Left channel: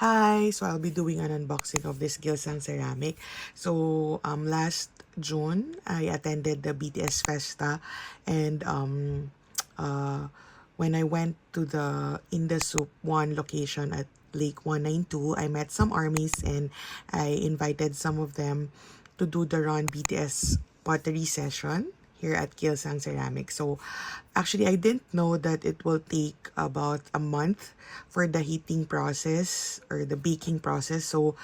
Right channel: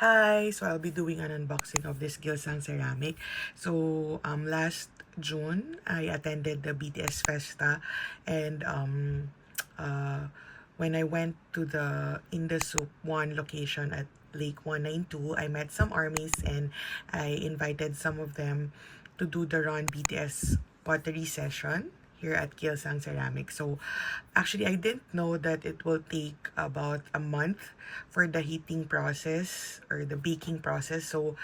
Hi! So I'll be doing an unboxing of this Gilsang ceramic. So last June, I attended the BTS Festa, and when I went to the Indasup 1 location at Lake 192, I met some armies and I invited some of them to do the Run BTS Pottery session here at Gilsang Ceramics. So actually, I didn't know that it will take about a month for the heating process or the baking process. So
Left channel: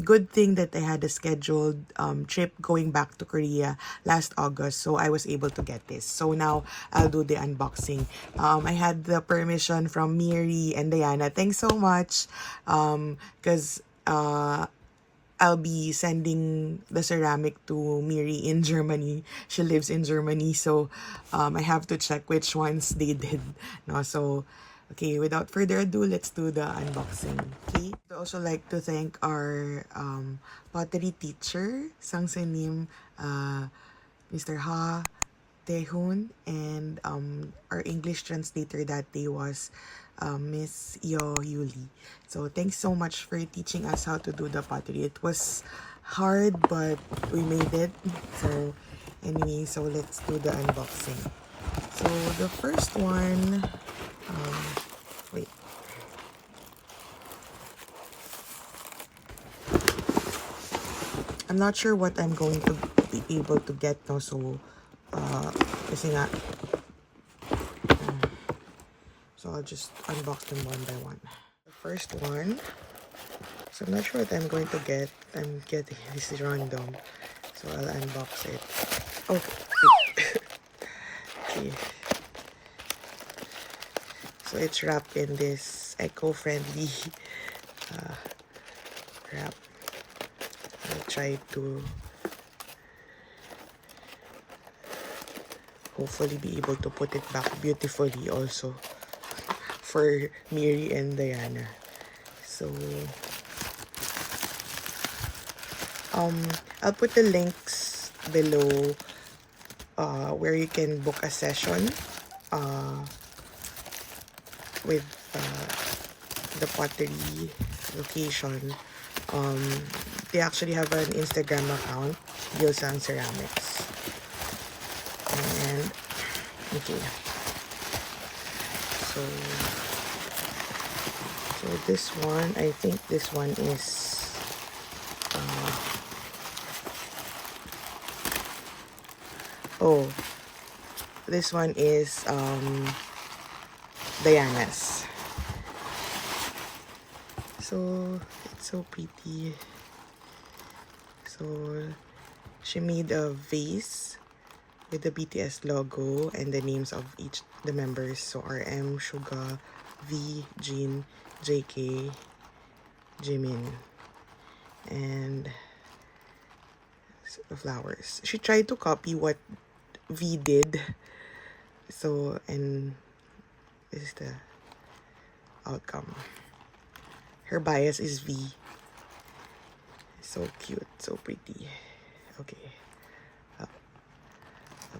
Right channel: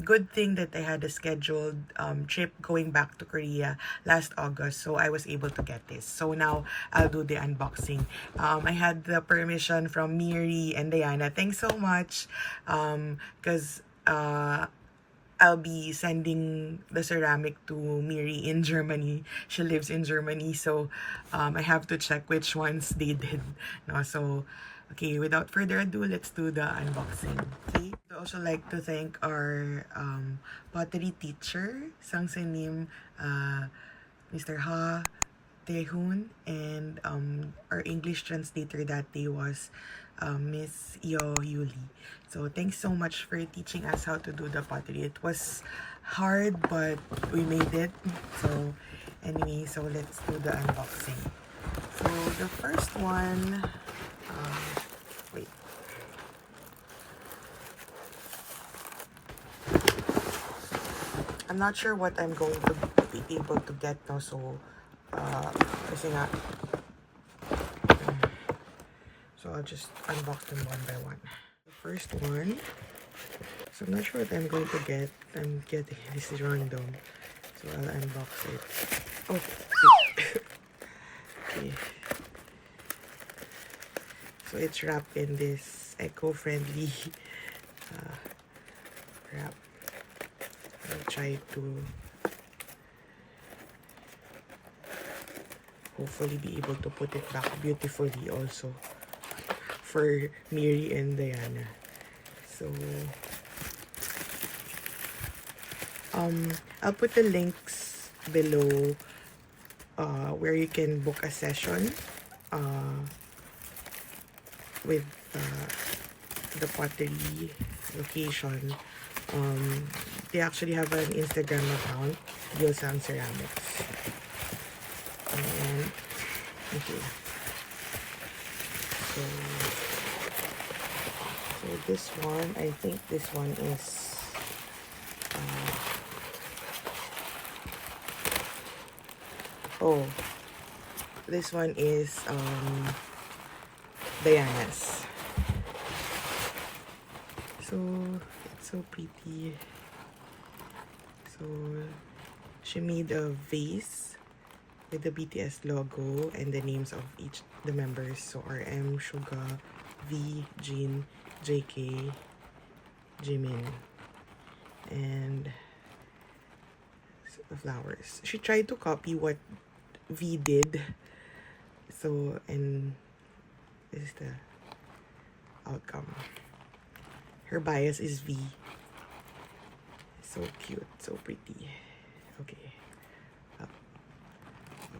good thing that I had a scheduled trip going back to Korea last August. So I was able to get this. So now I'll do the unboxing. I had the permission from Miri and Diana. Thanks so much. Because I'll be sending the ceramic to Miri in Germany. She lives in Germany, so I have to check which ones they did. No, so, okay, without further ado, let's do the unboxing. Okay, I'd also like to thank our pottery teacher, Sangsenim, Mr. Ha, Tehun, and our English translator that day was Miss Yo Yuli. So thanks so much for teaching us how to do the pottery. It was hard, but we made it. So anyway, so let's do the unboxing. So the first one, wait. I'm not sure what I'm going to be able to get no, so kasi nga, so I'll just unbox them one by one. The first one, so I'm not sure what I'm going to get. I'm getting this random, so I'll unbox it. Oh, okay. So it's wrapped in this eco-friendly wrap. I'll try to hopefully be able to put it back beautifully also for Miri and Diana. So I'll put the links below where you can book a session with the pottery location. They actually have an Instagram account, Gilsang Ceramics. And okay. So this one, I think this one is this one is Diana's. So it's so pretty. So she made a vase with the BTS logo and the names of each the members. So RM, Suga, V, Jin, JK, Jimin, and the flowers. She tried to copy what V did. So, and this is the outcome. Her bias is V. So cute, so pretty. Okay. I'll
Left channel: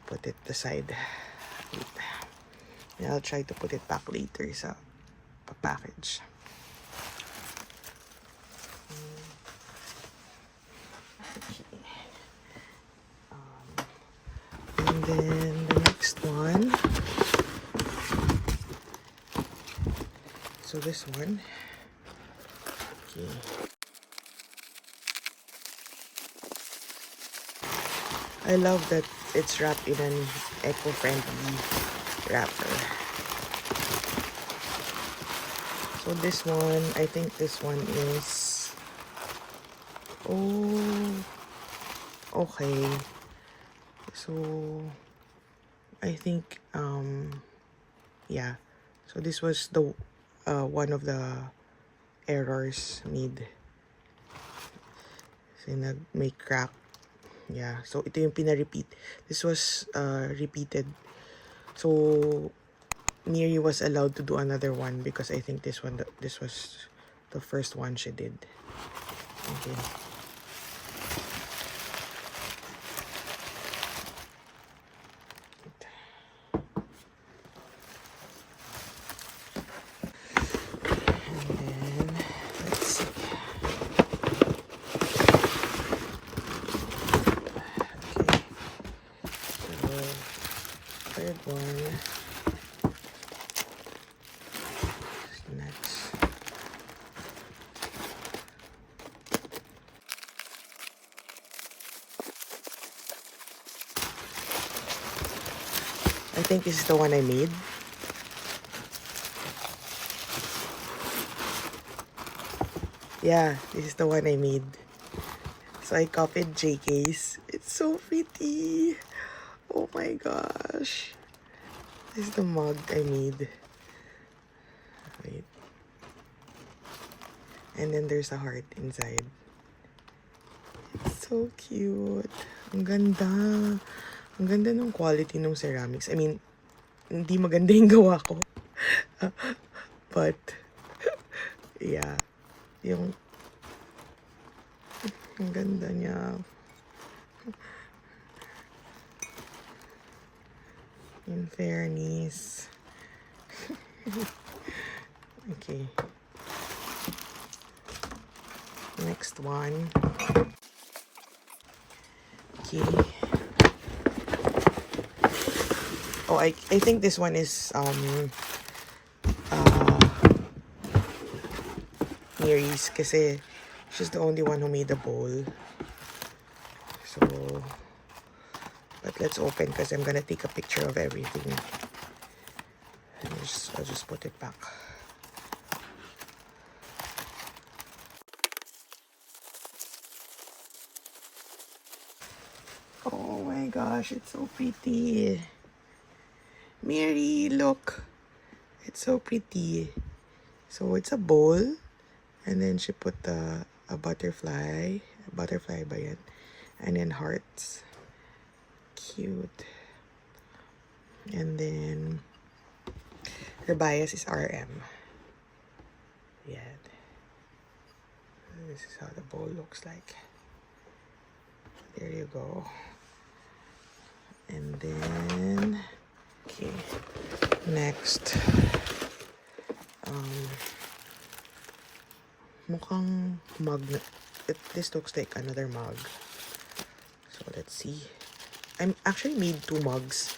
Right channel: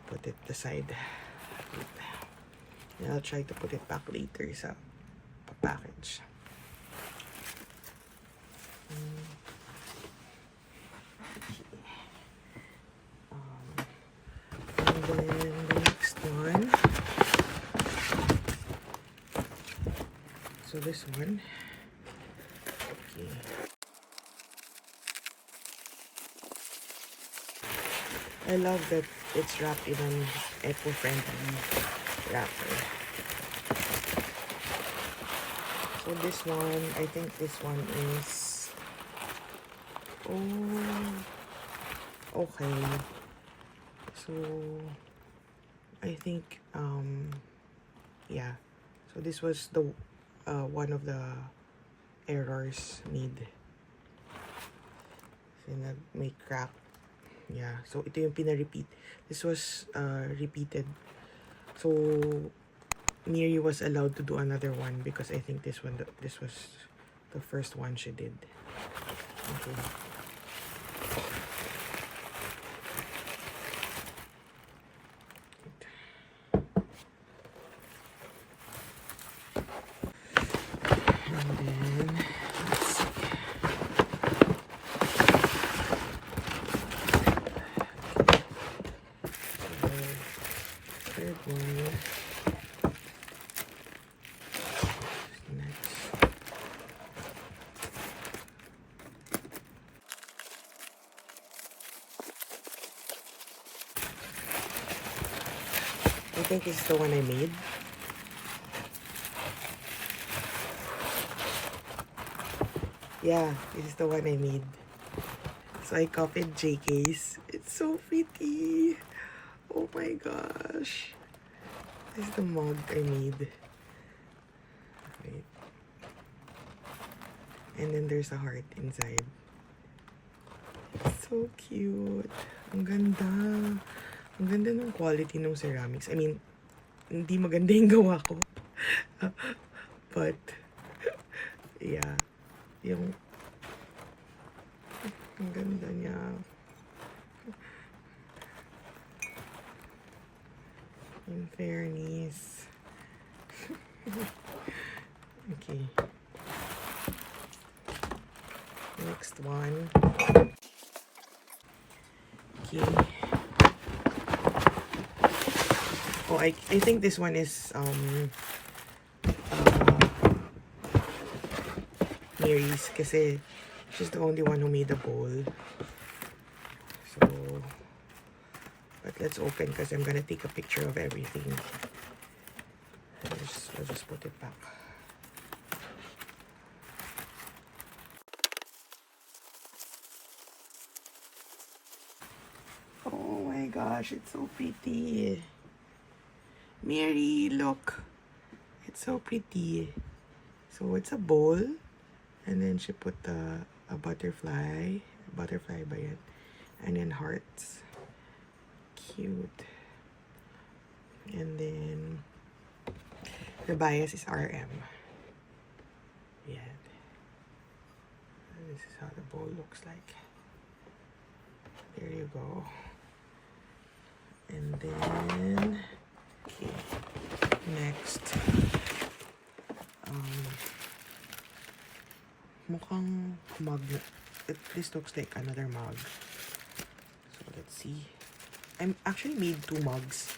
put it aside. And I'll try to put it back later sa package. And then the next one. So this one. Okay. I love that it's wrapped in an eco-friendly wrapper. So this one, I think this one is, okay. So I think yeah. So this was the one of the errors made. So may crack. Yeah, so ito yung pina-repeat. This was repeated. So Miri was allowed to do another one because I think this was the first one she did. Okay. And then think this is the one I made. Yeah, this is the one I made. So I copied JK's. It's so pretty. Oh my gosh. This is the mug I made. Wait. And then there's a heart inside. It's so cute. Ang ganda. Ang ganda ng quality ng ceramics. I mean, hindi maganda yung gawa ko. But, yeah. Yung, ang ganda niya. In fairness. Okay. Next one. Okay. Oh, I think this one is Mary's kasi she's the only one who made the bowl. So, but let's open because I'm gonna take a picture of everything. I'll just put it back. Oh my gosh, it's so pretty. Mary, look. It's so pretty. So it's a bowl. And then she put a butterfly ba yan? And then hearts. Cute. And then the bias is RM. Yeah. This is how the bowl looks like. There you go. And then, okay. Next. Mukhang mug na. This looks like another mug. So let's see. I actually made 2 mugs.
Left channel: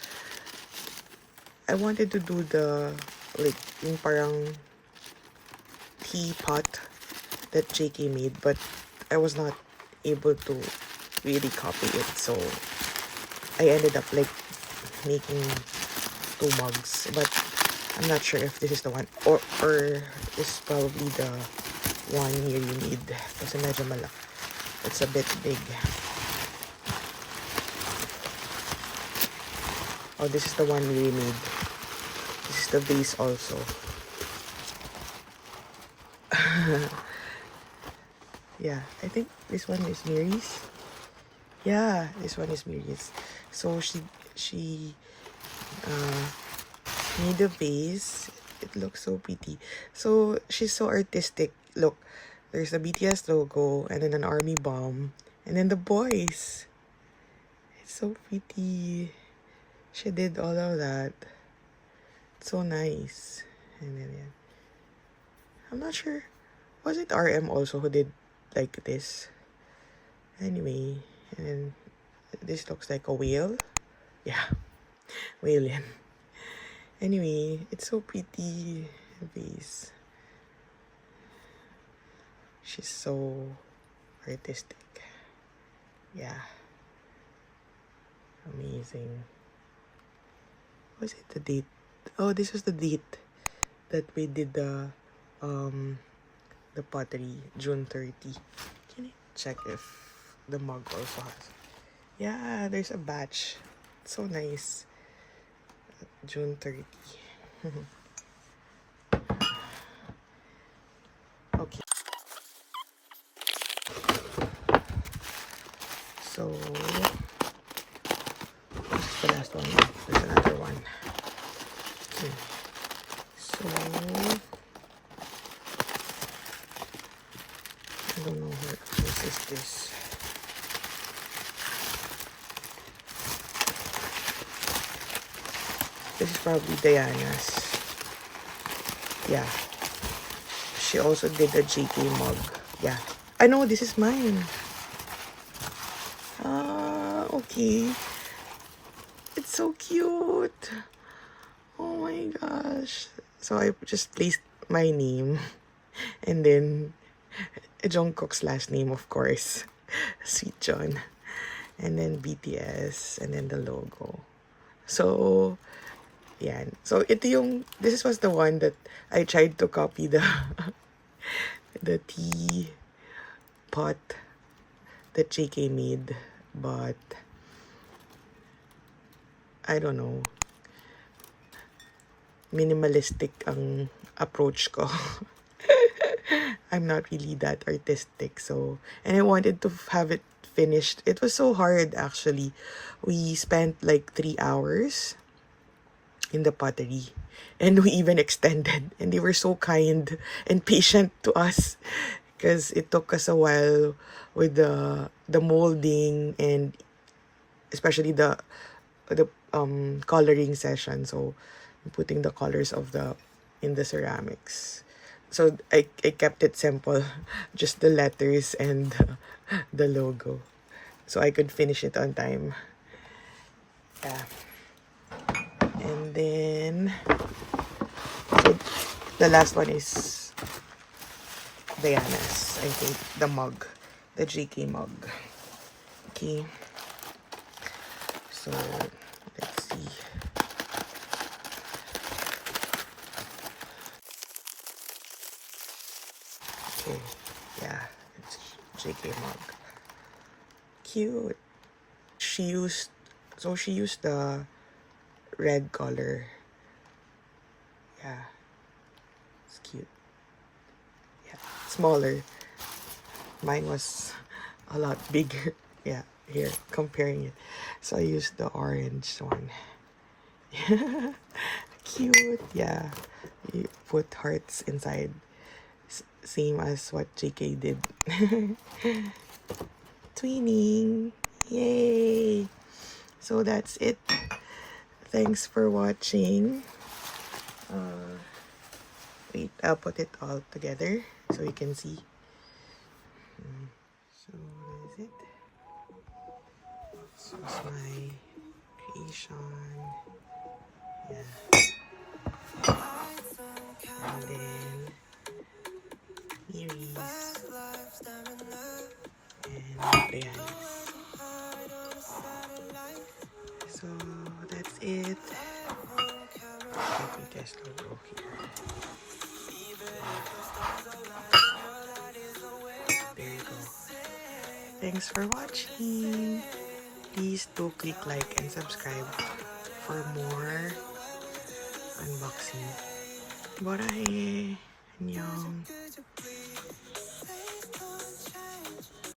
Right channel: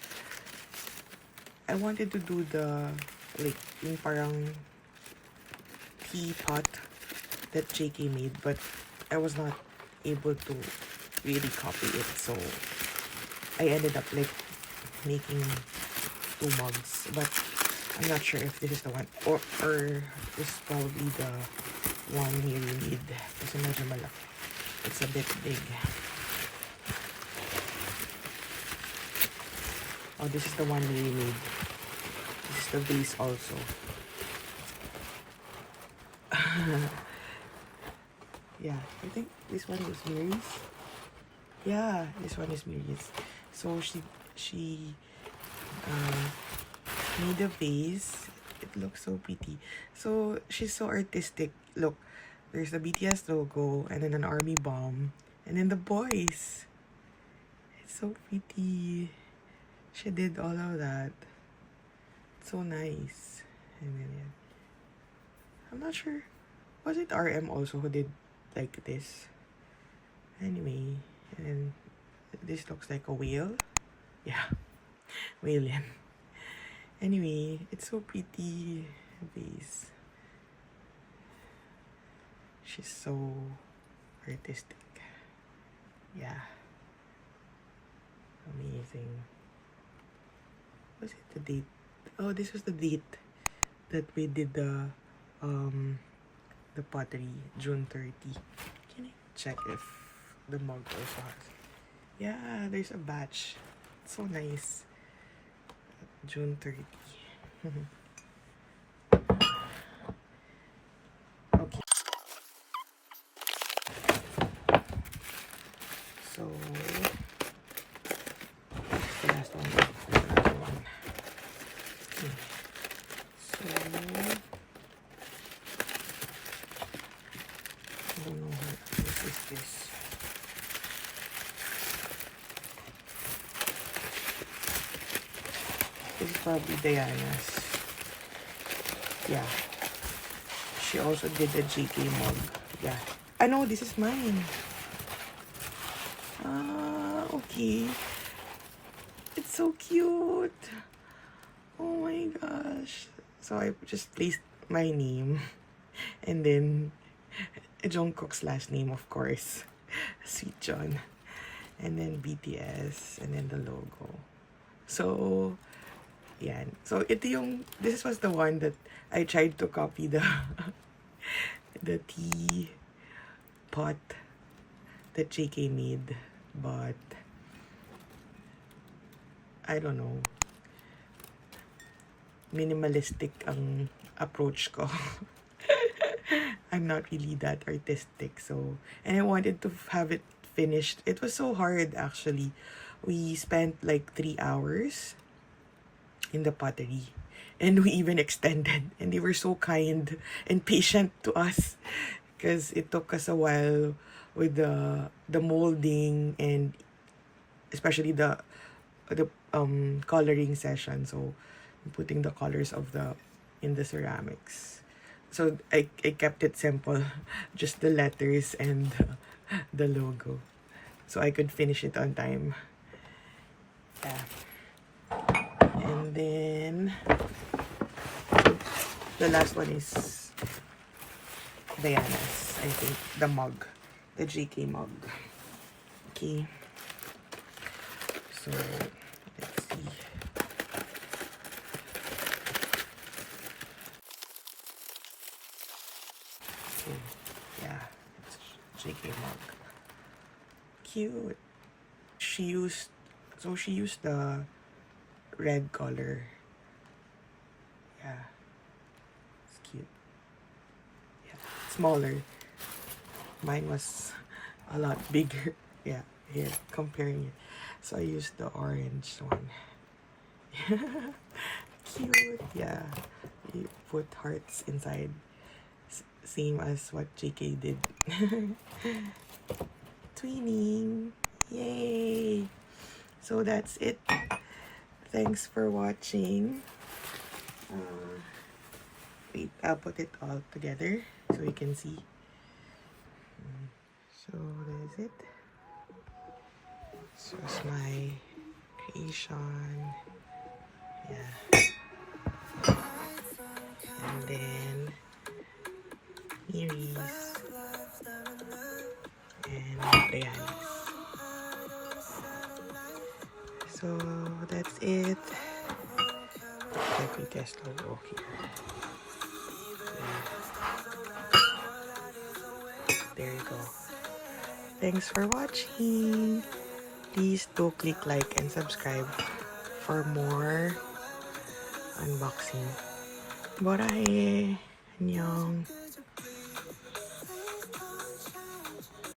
I wanted to do the like yung parang teapot that JK made, but I was not able to really copy it. So I ended up like making 2 mugs, but I'm not sure if this is the one or this is probably the one you need kasi medyo malaki. It's a bit big. Oh, this is the one we made. This is the base also. Yeah, I think this one is Mary's. Yeah, this one is Mary's. So she made a vase. It looks so pretty. So she's so artistic. Look, there's the BTS logo and then an army bomb and then the boys. It's so pretty. She did all of that. It's so nice. And then yeah. I'm not sure. Was it RM also who did like this? Anyway, and then this looks like a whale. Yeah, whale. Anyway, it's so pretty. Vase. She's so artistic. Yeah. Amazing. Was it the date? Oh, this was the date that we did the pottery, June 30. Can you check if the mug also has? Yeah, there's a batch. It's so nice. June 30. Okay. So this is the last one. There's another one. So I don't know what is this. This is probably Diana's. Yeah. She also did a JK mug. Yeah. I know this is mine. Ah, okay. It's so cute. Oh my gosh. So I just placed my name and then Jungkook's last name, of course. Sweet John. And then BTS and then the logo. So Yan. So, this was the one that I tried to copy the tea pot that JK made. But, I don't know. Minimalistic ang approach ko. I'm not really that artistic, so, and I wanted to have it finished. It was so hard, actually. We spent like 3 hours in the pottery, and we even extended, and they were so kind and patient to us because it took us a while with the molding, and especially the coloring session. So putting the colors in the ceramics. So I kept it simple, just the letters and the logo, so I could finish it on time. Yeah. And then the last one is Diana's, I think, the mug, the JK mug. Okay. So let's see. Okay, yeah, it's JK mug. Cute. She used the red color. Yeah, it's cute. Yeah, smaller. Mine was a lot bigger. Yeah, here, comparing it. So I used the orange one. Cute. Yeah, you put hearts inside. Same as what JK did. Twinning. Yay. So that's it. Thanks for watching. Wait, I'll put it all together so you can see. So that is it. So it's my creation. Yeah. And then Miri's and Brianna's. So that's it. The BTS logo here. There you go. Thanks for watching. Please do click like and subscribe for more unboxing. Bye. 안녕.